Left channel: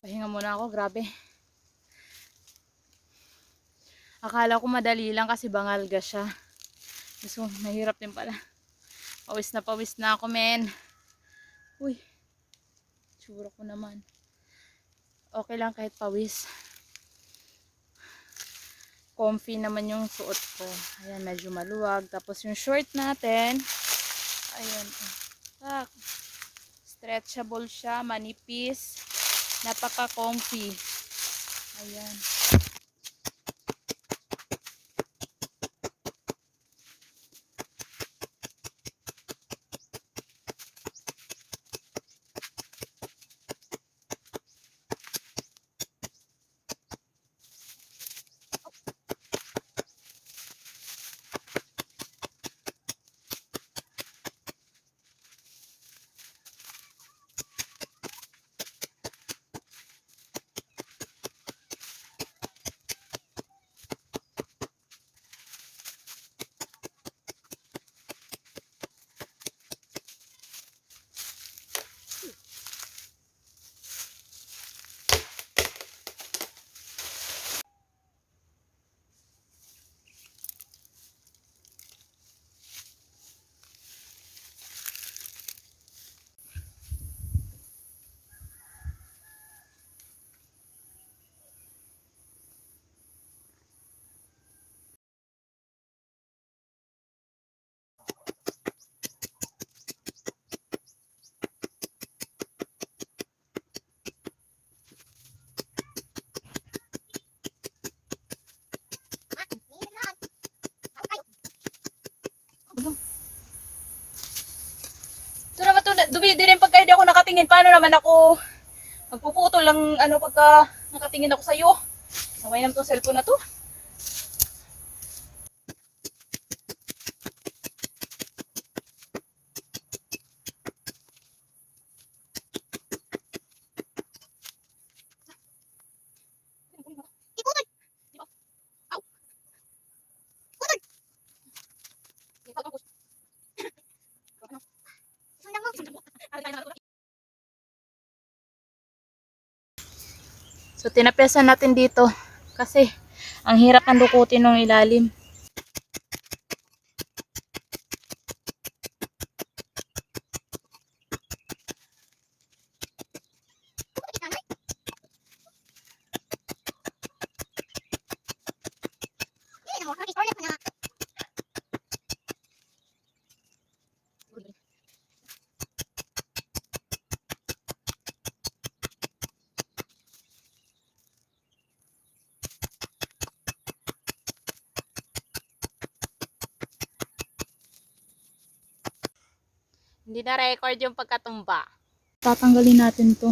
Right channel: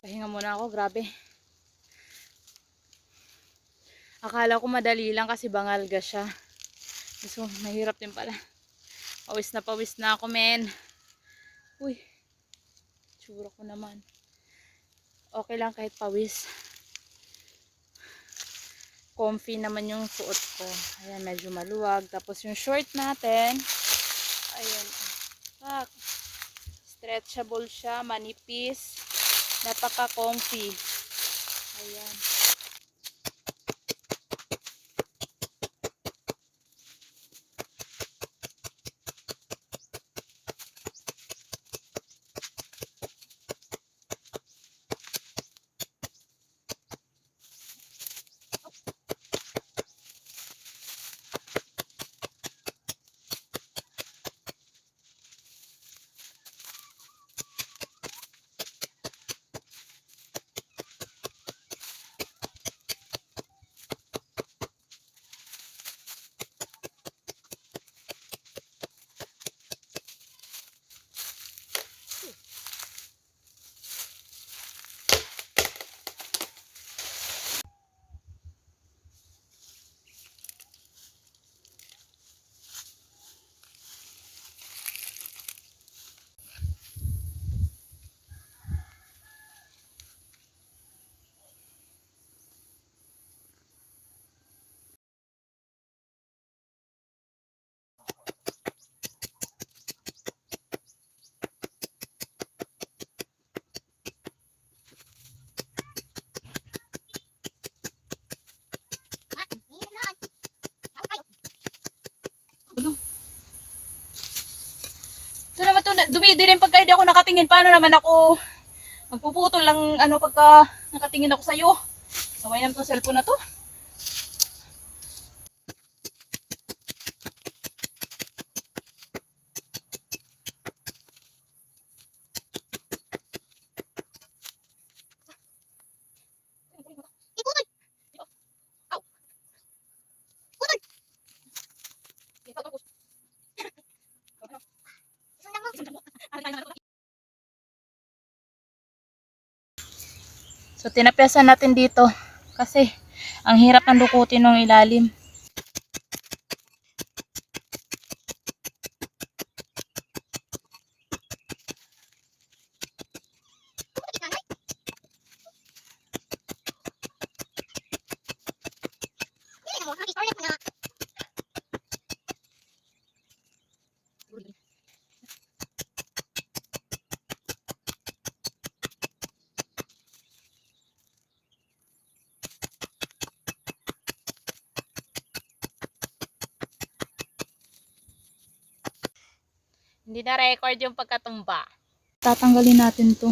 Pahinga muna ako, grabe. Akala ko madali lang kasi bangalga siya. So, mahirap din pala. Pawis na pawis na ako, men. Uy. Tsura ko naman. Okay lang kahit pawis. Comfy naman yung suot ko. Ayan, medyo maluwag. Tapos yung short natin. Ayan. Ah, stretchable siya, manipis. Napaka-comfy. Ayan. Ito naman to, dumidi rin pagka hindi ako nakatingin. Paano naman ako magpuputol lang ano pagka nakatingin ako sa'yo. Saway naman to cellphone na to. So tinapyasan natin dito kasi ang hirap ng dukutin ng ilalim. Hindi na record yung pagkatumba. Tatanggalin natin to.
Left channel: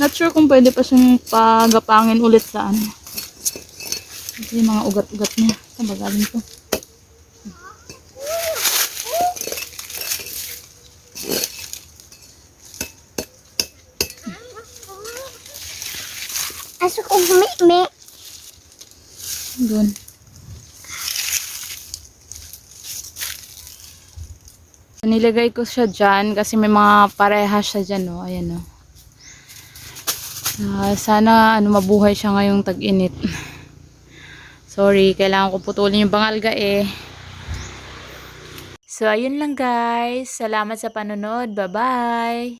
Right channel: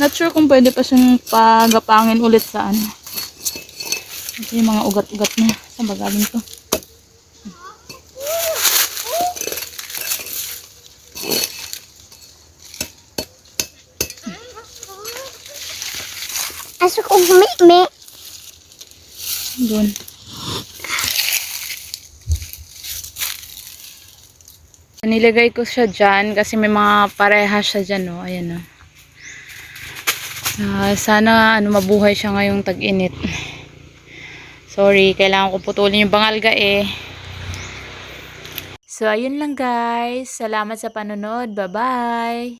Not sure kung pwede pa siyang pagapangin ulit sa ano. Kasi yung mga ugat-ugat niya. Saan ba galing to? Asok og mi Doon. Nilagay ko siya dyan kasi may mga pareha siya dyan, no. Ayan, no. Ah, sana ano mabuhay siya ngayong tag-init. Sorry, kailangan ko putulin yung bangalga eh. So, ayun lang guys. Salamat sa panonood. Bye-bye!